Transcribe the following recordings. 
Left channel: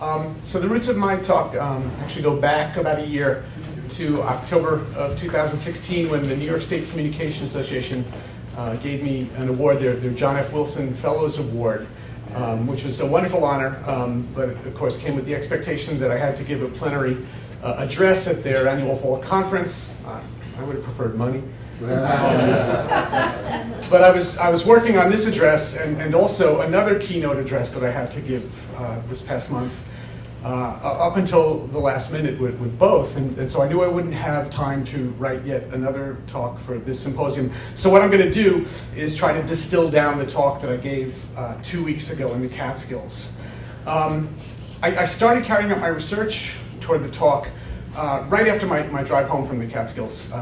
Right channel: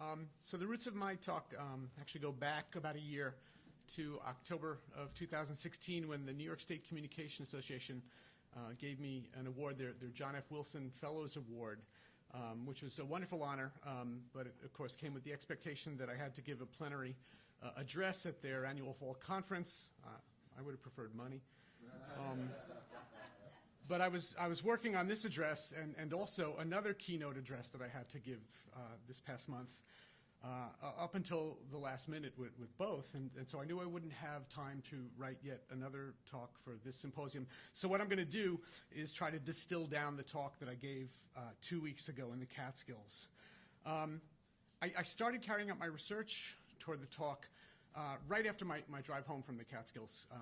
So the roots of my talk actually go back about a year to October of 2016 when the New York State Communication Association gave me an award, their John F. Wilson Fellows Award, which was a wonderful honor, but of course came with the expectation that I had to give a plenary address at their annual fall conference. I would have preferred money. But I was working on this address and also another keynote address that I had to give this past month, up until the last minute with both, and so I knew I wouldn't have time to write yet another talk for this symposium. So what I'm going to do is try to distill down the talk that I gave 2 weeks ago in the Catskills. I started carrying out my research toward the talk right after my drive home from the Catskills.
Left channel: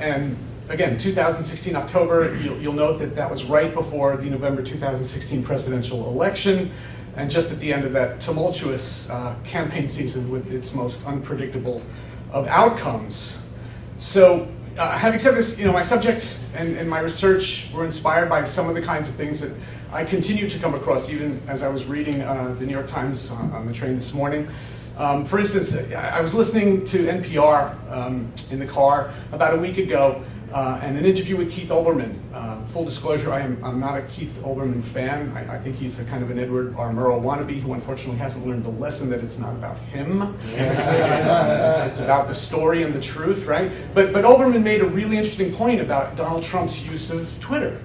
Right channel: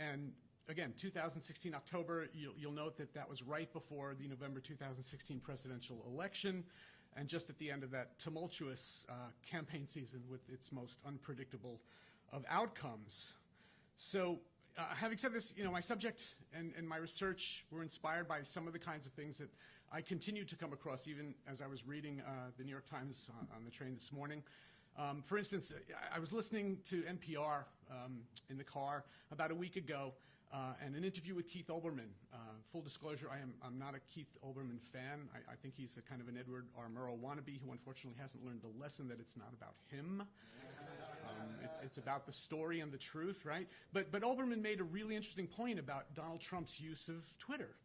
And again, 2016 October, you'll note that that was right before the November 2016 presidential election, and just at the end of that tumultuous campaign season with its most unpredictable of outcomes. So having said this, my subject and my research were inspired by some of the kinds of things that I continue to come across even as I was reading the New York Times on the train this morning. For instance, I was listening to NPR in the car about a week ago, and an interview with Keith Olbermann. Full disclosure, I'm not a Keith Olbermann fan. I think he's a kind of an Edward R. Murrow wannabe who unfortunately hasn't learned the lesson that it's not about him. It's about the story and the truth, right? But Olbermann made a really interesting point about Donald Trump's use of Twitter.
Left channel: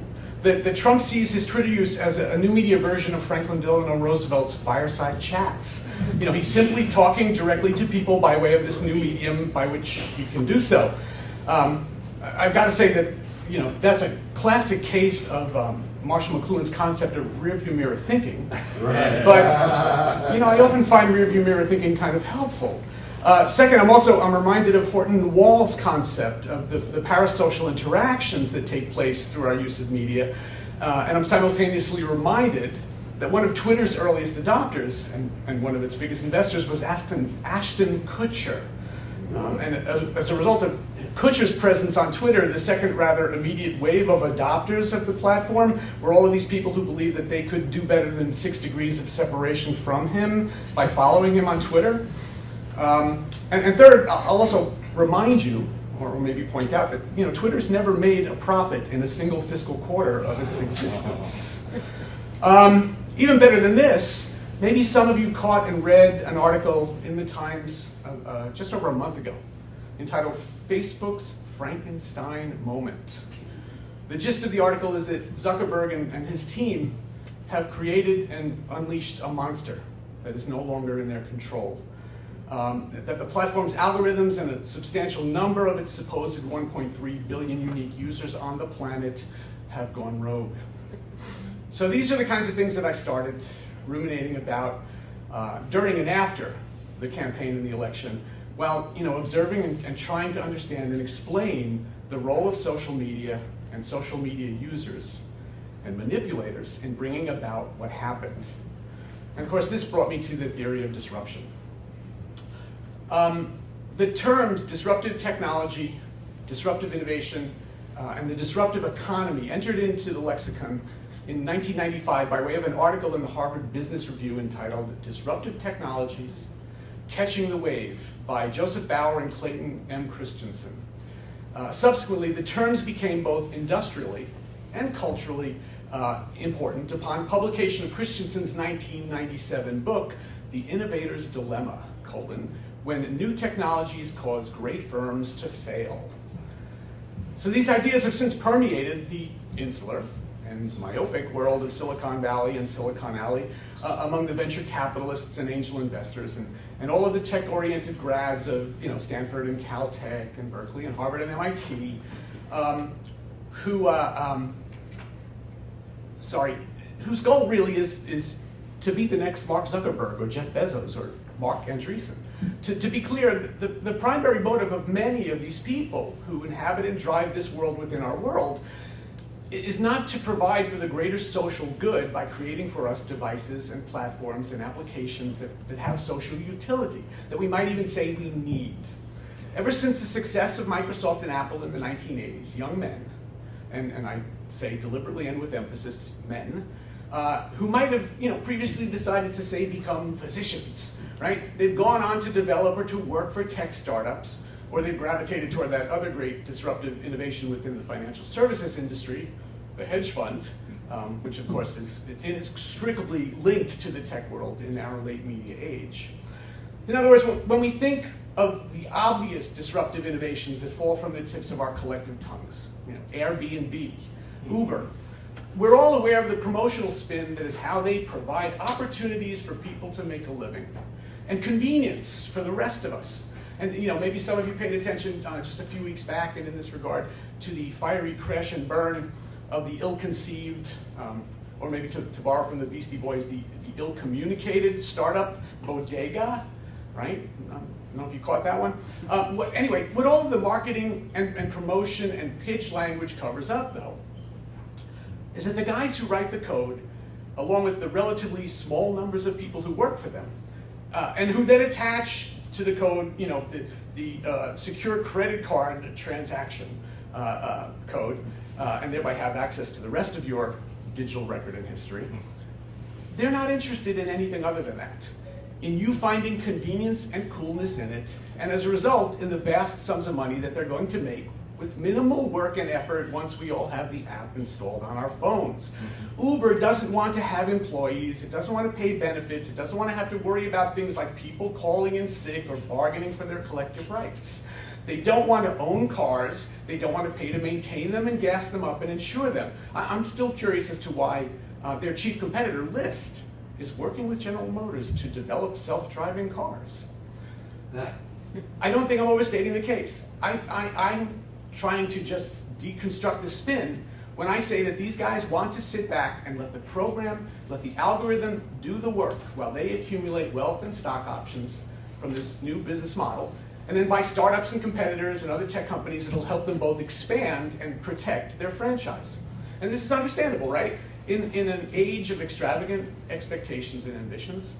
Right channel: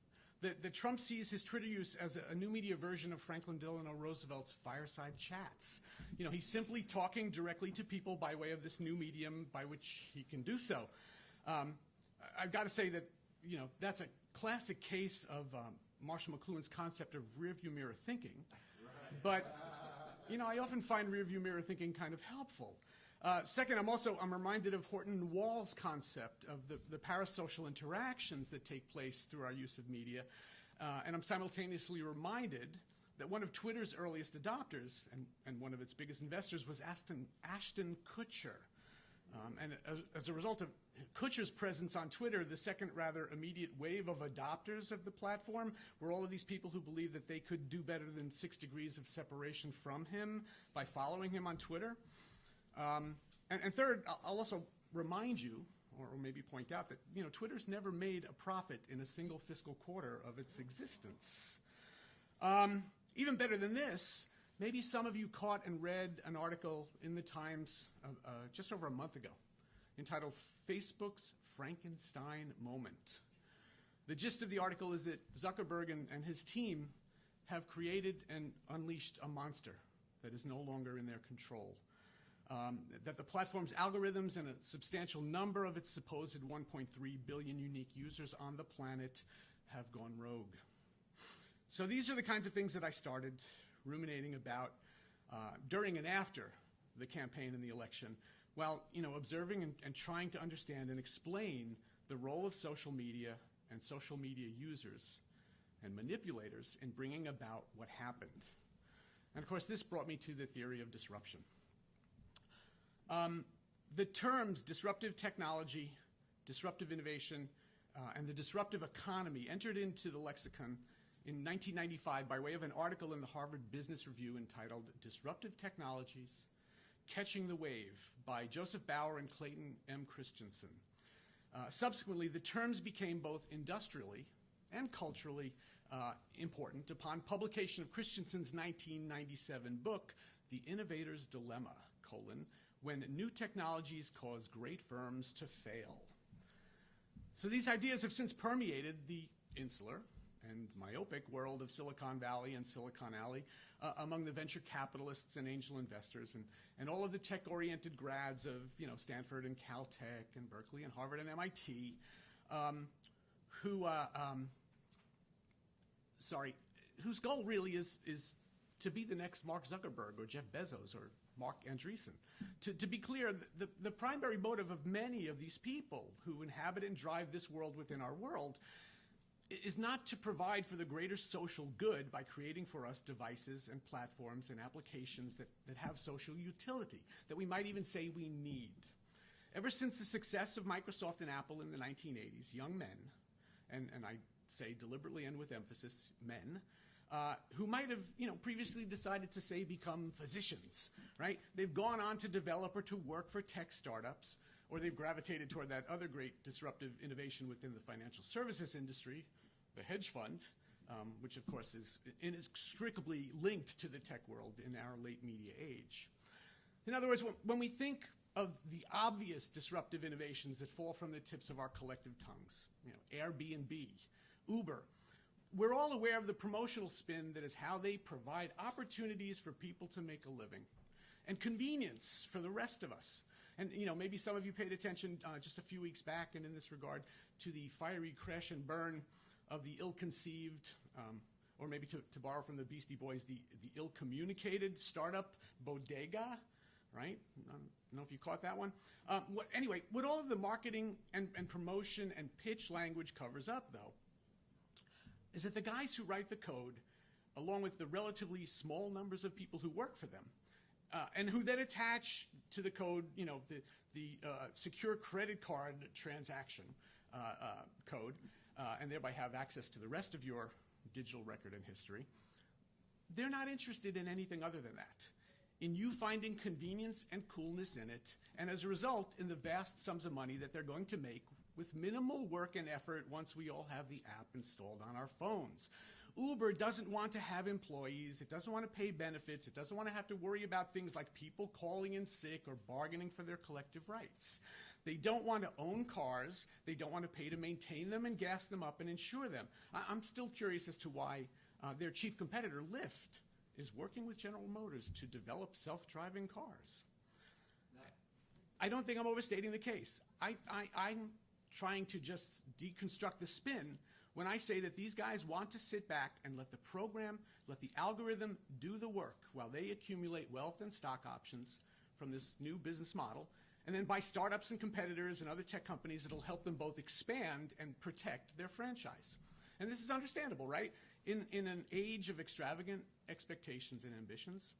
That Trump sees his Twitter use as a new media version of Franklin Delano Roosevelt's fireside chats. He's simply talking directly to people by way of this new medium by which he can do so. I've got to say that that's a classic case of Marshall McLuhan's concept of rearview mirror thinking. Right. But I often find rearview mirror thinking kind of helpful. Second, I'm reminded of Horton Wall's concept of the parasocial interactions that take place through our use of media, and I'm simultaneously reminded that one of Twitter's earliest adopters and one of its biggest investors was Ashton Kutcher. And as a result of Kutcher's presence on Twitter, the second rather immediate wave of adopters of the platform were all of these people who believed that they could do better than 6 degrees of separation from him by following him on Twitter. And third, I'll also remind you, or maybe point out that Twitter's never made a profit in a single fiscal quarter of its existence. Even better than this, maybe some of you caught and read an article in the Times just over a month ago entitled "Facebook's Frankenstein Moment." The gist of the article is that Zuckerberg and his team have created and unleashed a monster that is no longer in their control. That the platform's algorithms and a substantial number of its supposed 1.3 billion unique users on the planet have gone rogue. So these are the kinds of things that I started ruminating about during and after the campaign and the election, while observing and trying to understand and explain the role of social media and social media users and manipulators in bringing about what happened. And of course, this brought me to the theory of disruption. The terms disruptive technology, disruptive innovation, and the disruptive economy entered into the lexicon in 1995 by way of an article in the Harvard Business Review entitled "Disruptive Technologies: Catching the Wave" by Joseph Bauer and Clayton M. Christensen. Subsequently, the terms became both industrially and culturally important upon publication of Christensen's 1997 book, "The Innovator's Dilemma: When New Technologies Cause Great Firms to Fail." So these ideas have since permeated the insular and myopic world of Silicon Valley and Silicon Alley among the venture capitalists and angel investors and all of the tech-oriented grads of Stanford and Caltech and Berkeley and Harvard and MIT whose goal really is to be the next Mark Zuckerberg or Jeff Bezos or Mark Andreessen. To be clear, the primary motive of many of these people who inhabit and drive this world within our world is not to provide for the greater social good by creating for us devices and platforms and applications that have social utility, that we might even say we need. Ever since the success of Microsoft and Apple in the 1980s, young men, and I say deliberately and with emphasis, men, who might have previously decided to, say, become physicians, right? They've gone on to develop or to work for tech startups, or they've gravitated toward that other great disruptive innovation within the financial services industry, the hedge fund, which of course is inextricably linked to the tech world in our late media age. In other words, when we think of the obvious disruptive innovations that fall from the tips of our collective tongues, Airbnb, Uber, we're all aware of the promotional spin that is how they provide opportunities for people to make a living and convenience for the rest of us. And maybe some of you paid attention just a few weeks back, and in this regard, to the fiery crash and burn of the ill-conceived, or maybe to borrow from the Beastie Boys, the ill-communicated startup Bodega, right? I don't know if you caught that one. What all of the marketing and promotion and pitch language covers up, though, is that the guys who write the code, along with the relatively small numbers of people who work for them, and who then attach to the code, the secure credit card transaction code, and thereby have access to the rest of your digital record and history, they're not interested in anything other than that, in you finding convenience and coolness in it, and as a result, in the vast sums of money that they're going to make with minimal work and effort once we all have the app installed on our phones. Uber doesn't want to have employees, it doesn't want to pay benefits, it doesn't want to have to worry about things like people calling in sick or bargaining for their collective rights. They don't want to own cars, they don't want to pay to maintain them and gas them up and insure them. I'm still curious as to why their chief competitor, Lyft, is working with General Motors to develop self-driving cars. I don't think I'm overstating the case. I'm trying to just deconstruct the spin when I say that these guys want to sit back and let the program, let the algorithm do the work while they accumulate wealth and stock options from this new business model, and then buy startups and competitors and other tech companies that'll help them both expand and protect their franchise. And this is understandable, right? In an age of extravagant expectations and ambitions,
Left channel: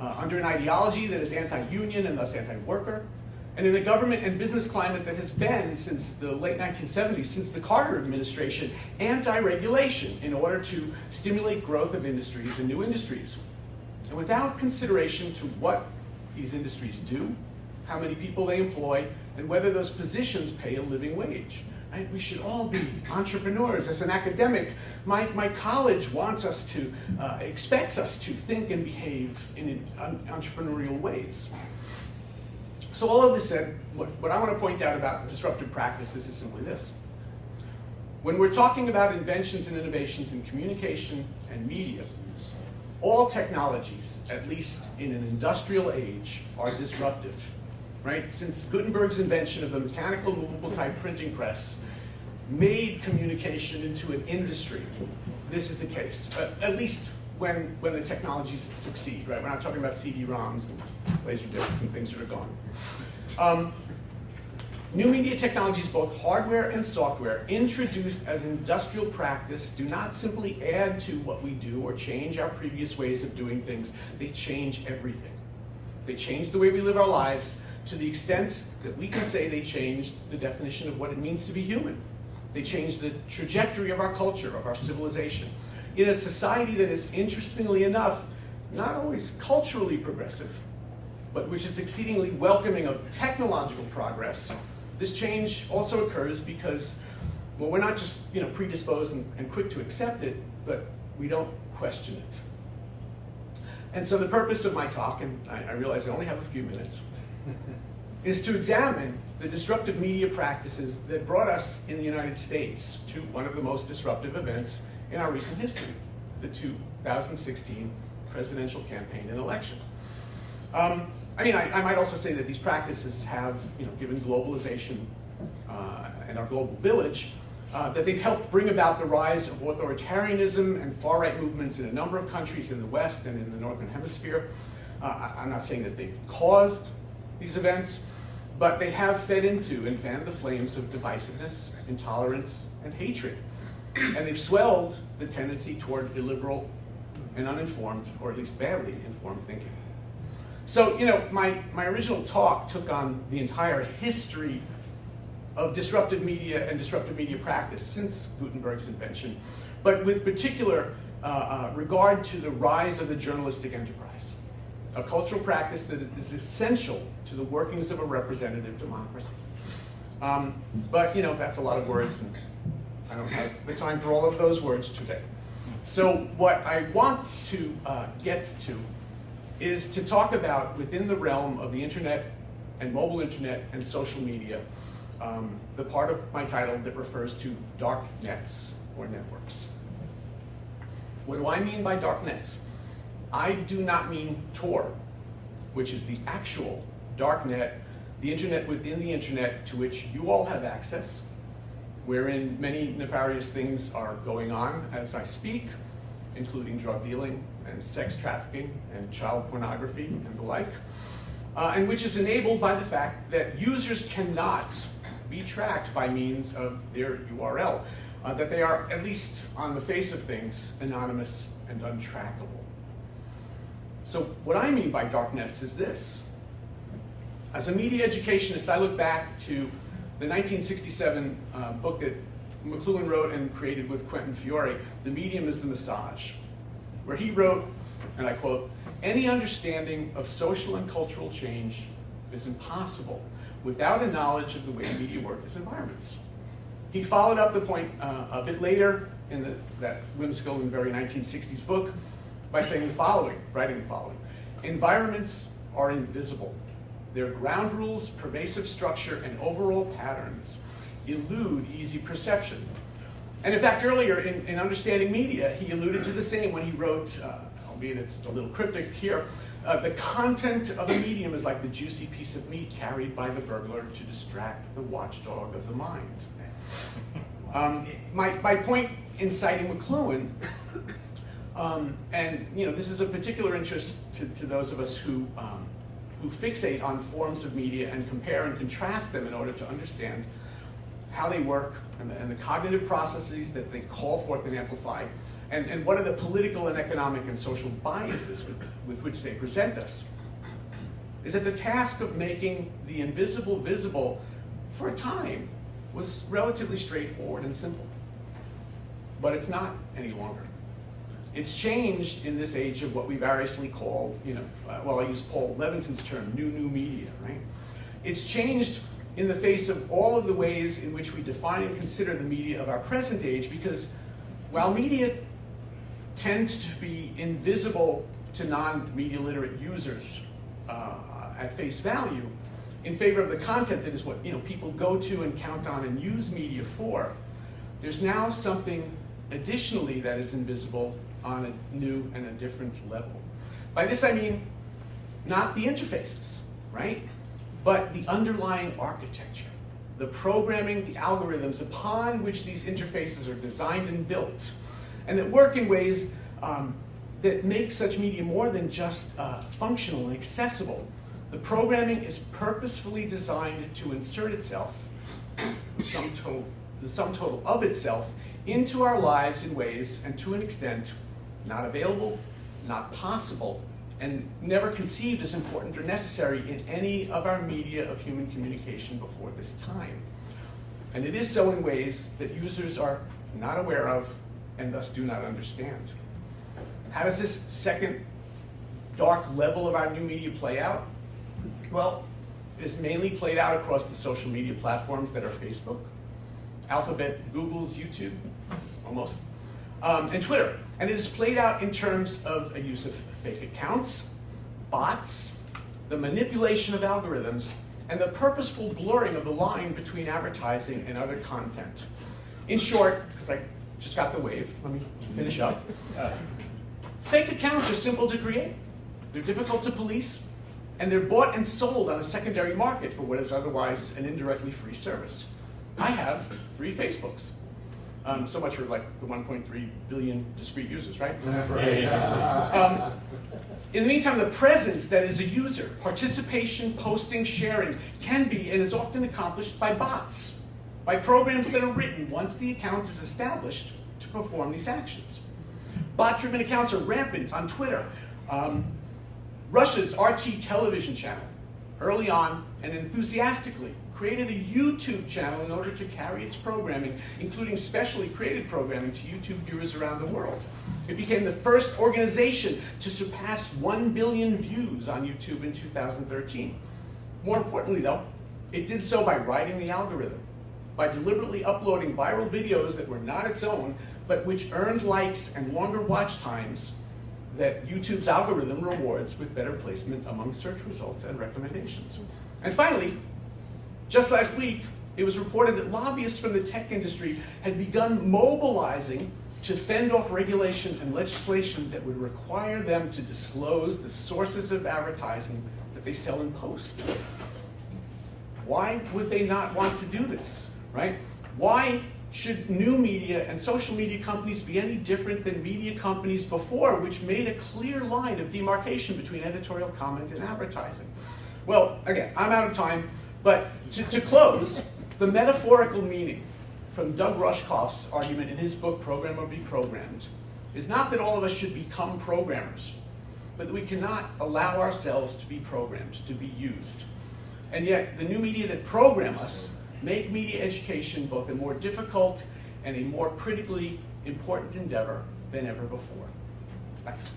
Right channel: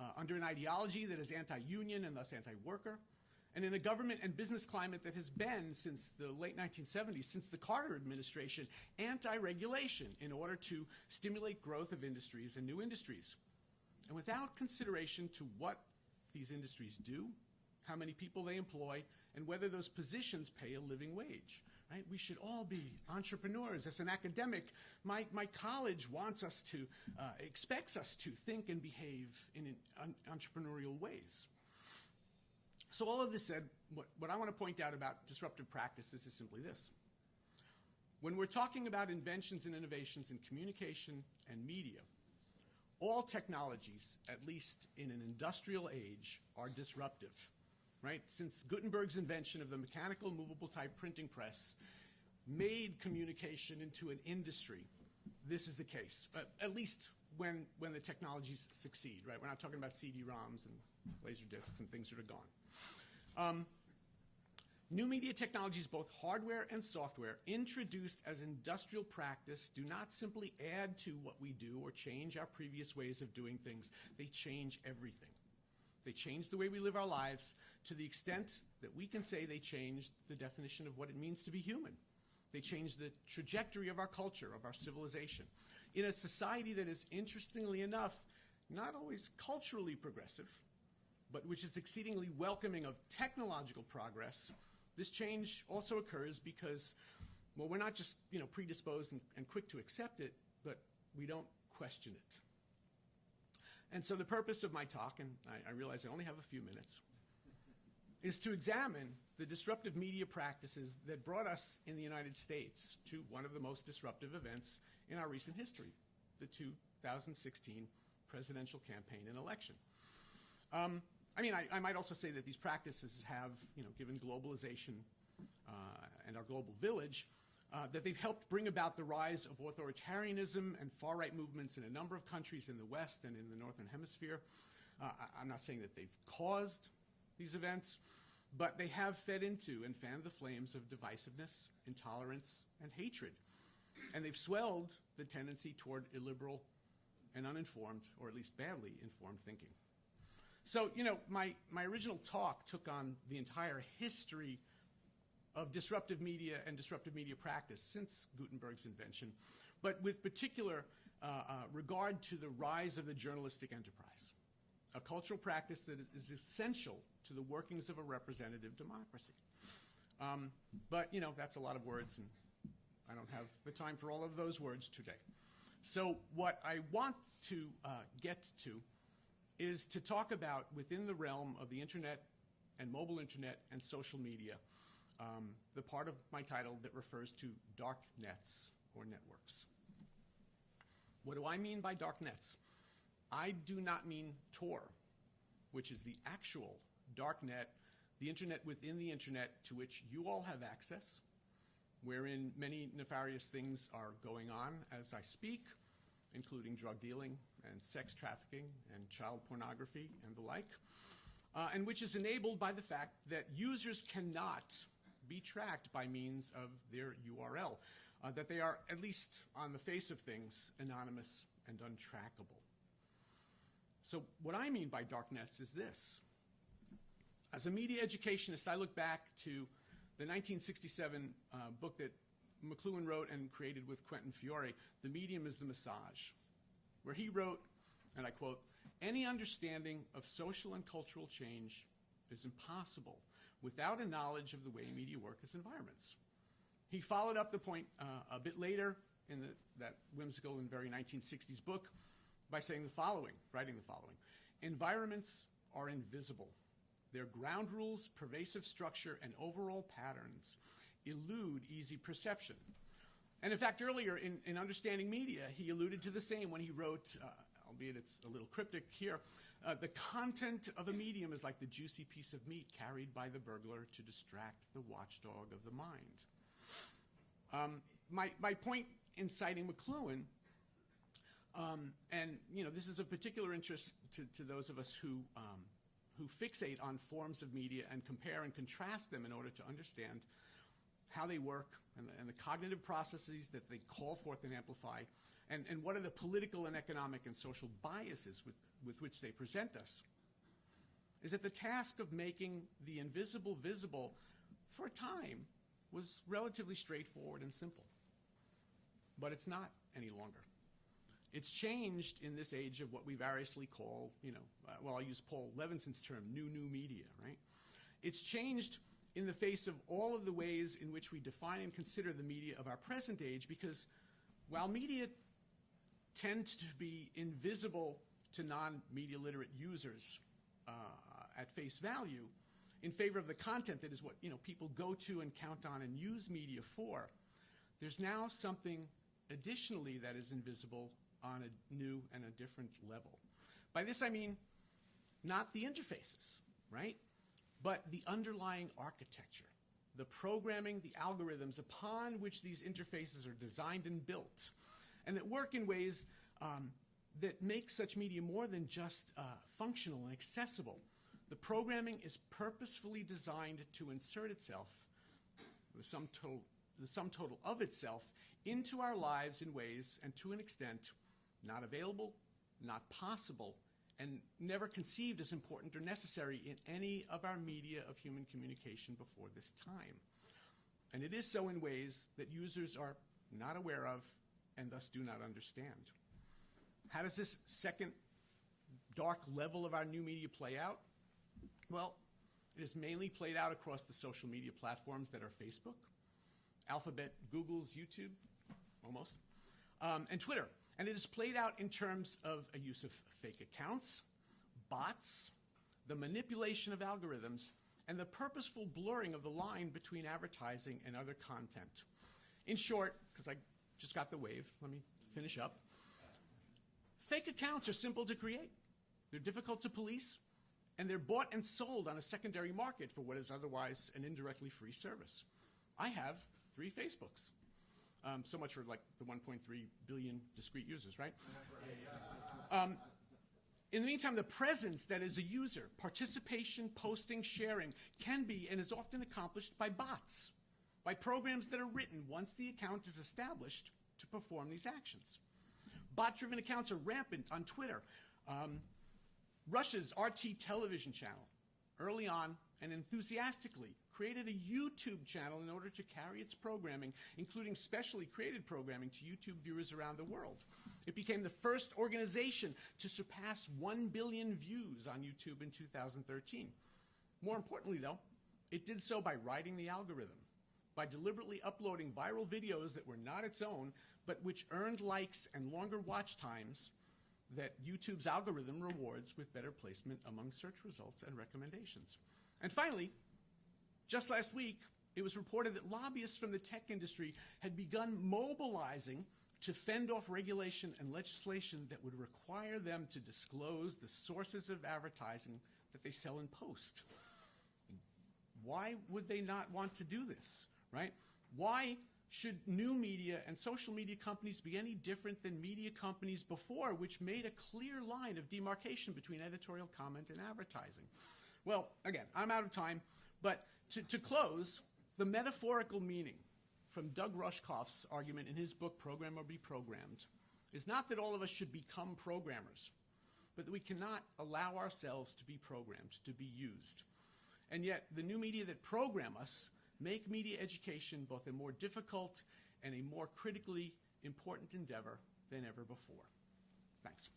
under an ideology that is anti-union and thus anti-worker, and in a government and business climate that has been, since the late 1970s, since the Carter administration, anti-regulation in order to stimulate growth of industries and new industries. And without consideration to what these industries do, how many people they employ, and whether those positions pay a living wage. Right? We should all be entrepreneurs. As an academic, my college wants us to, expects us to think and behave in entrepreneurial ways. So all of this said, what I want to point out about disruptive practices is simply this. When we're talking about inventions and innovations in communication and media, all technologies, at least in an industrial age, are disruptive, right? Since Gutenberg's invention of the mechanical movable type printing press made communication into an industry, this is the case, at least when the technologies succeed, right? We're not talking about CD-ROMs and laser discs and things that are gone. New media technologies, both hardware and software, introduced as industrial practice, do not simply add to what we do or change our previous ways of doing things. They change everything. They change the way we live our lives to the extent that we can say they changed the definition of what it means to be human. They changed the trajectory of our culture, of our civilization. In a society that is, interestingly enough, not always culturally progressive, but which is exceedingly welcoming of technological progress, this change also occurs because, well, we're not just predisposed and quick to accept it, but we don't question it. And so the purpose of my talk, and I realize I only have a few minutes, is to examine the disruptive media practices that brought us in the United States to one of the most disruptive events in our recent history, the 2016 presidential campaign and election. I might also say that these practices have, given globalization and our global village, that they've helped bring about the rise of authoritarianism and far-right movements in a number of countries in the West and in the Northern Hemisphere. I'm not saying that they've caused these events, but they have fed into and fanned the flames of divisiveness, intolerance, and hatred. And they've swelled the tendency toward illiberal and uninformed, or at least badly informed thinking. So, my original talk took on the entire history of disruptive media and disruptive media practice since Gutenberg's invention, but with particular regard to the rise of the journalistic enterprise, a cultural practice that is essential to the workings of a representative democracy. But that's a lot of words, and I don't have the time for all of those words today. So what I want to get to is to talk about, within the realm of the internet and mobile internet and social media, the part of my title that refers to dark nets or networks. What do I mean by dark nets? I do not mean Tor, which is the actual dark net, the internet within the internet to which you all have access, wherein many nefarious things are going on as I speak, including drug dealing and sex trafficking and child pornography and the like, and which is enabled by the fact that users cannot be tracked by means of their URL, that they are, at least on the face of things, anonymous and untrackable. So what I mean by dark nets is this. As a media educationist, I look back to the 1967 book that McLuhan wrote and created with Quentin Fiore, The Medium is the Massage, where he wrote, and I quote, "Any understanding of social and cultural change is impossible without a knowledge of the way media work as environments." He followed up the point a bit later in that whimsical and very 1960s book by saying the following, writing the following: "Environments are invisible. Their ground rules, pervasive structure, and overall patterns elude easy perception." And in fact, earlier in Understanding Media, he alluded to the same when he wrote, albeit it's a little cryptic here, "The content of a medium is like the juicy piece of meat carried by the burglar to distract the watchdog of the mind." My point in citing McLuhan, and this is a particular interest to those of us who fixate on forms of media and compare and contrast them in order to understand how they work and the cognitive processes that they call forth and amplify, and what are the political and economic and social biases with which they present us, is that the task of making the invisible visible for a time was relatively straightforward and simple. But it's not any longer. It's changed in this age of what we variously call, well, I use Paul Levinson's term, new media, right? It's changed in the face of all of the ways in which we define and consider the media of our present age, because while media tends to be invisible to non-media literate users at face value, in favor of the content that is what people go to and count on and use media for, there's now something additionally that is invisible on a new and a different level. By this I mean not the interfaces, right? But the underlying architecture, the programming, the algorithms upon which these interfaces are designed and built, and that work in ways that make such media more than just functional and accessible. The programming is purposefully designed to insert itself, the sum total of itself, into our lives in ways, and to an extent, not available, not possible, and never conceived as important or necessary in any of our media of human communication before this time. And it is so in ways that users are not aware of and thus do not understand. How does this second dark level of our new media play out? Well, it is mainly played out across the social media platforms that are Facebook, Alphabet, Google's, YouTube, almost, and Twitter. And it is played out in terms of a use of fake accounts, bots, the manipulation of algorithms, and the purposeful blurring of the line between advertising and other content. In short, because I just got the wave, let me finish up. Fake accounts are simple to create. They're difficult to police, and they're bought and sold on a secondary market for what is otherwise an indirectly free service. I have 3 Facebooks. So much for like the 1.3 billion discrete users, right? In the meantime, the presence that is a user, participation, posting, sharing, can be and is often accomplished by bots, by programs that are written once the account is established to perform these actions. Bot-driven accounts are rampant on Twitter. Russia's RT television channel, early on and enthusiastically created a YouTube channel in order to carry its programming, including specially created programming, to YouTube viewers around the world. It became the first organization to surpass 1 billion views on YouTube in 2013. More importantly, though, it did so by riding the algorithm, by deliberately uploading viral videos that were not its own, but which earned likes and longer watch times that YouTube's algorithm rewards with better placement among search results and recommendations. And finally, just last week, it was reported that lobbyists from the tech industry had begun mobilizing to fend off regulation and legislation that would require them to disclose the sources of advertising that they sell in post. Why would they not want to do this, right? Why should new media and social media companies be any different than media companies before, which made a clear line of demarcation between editorial comment and advertising? Well, again, I'm out of time, but to close, the metaphorical meaning from Doug Rushkoff's argument in his book, Program or Be Programmed, is not that all of us should become programmers, but that we cannot allow ourselves to be programmed, to be used. And yet, the new media that program us make media education both a more difficult and a more critically important endeavor than ever before. Thanks.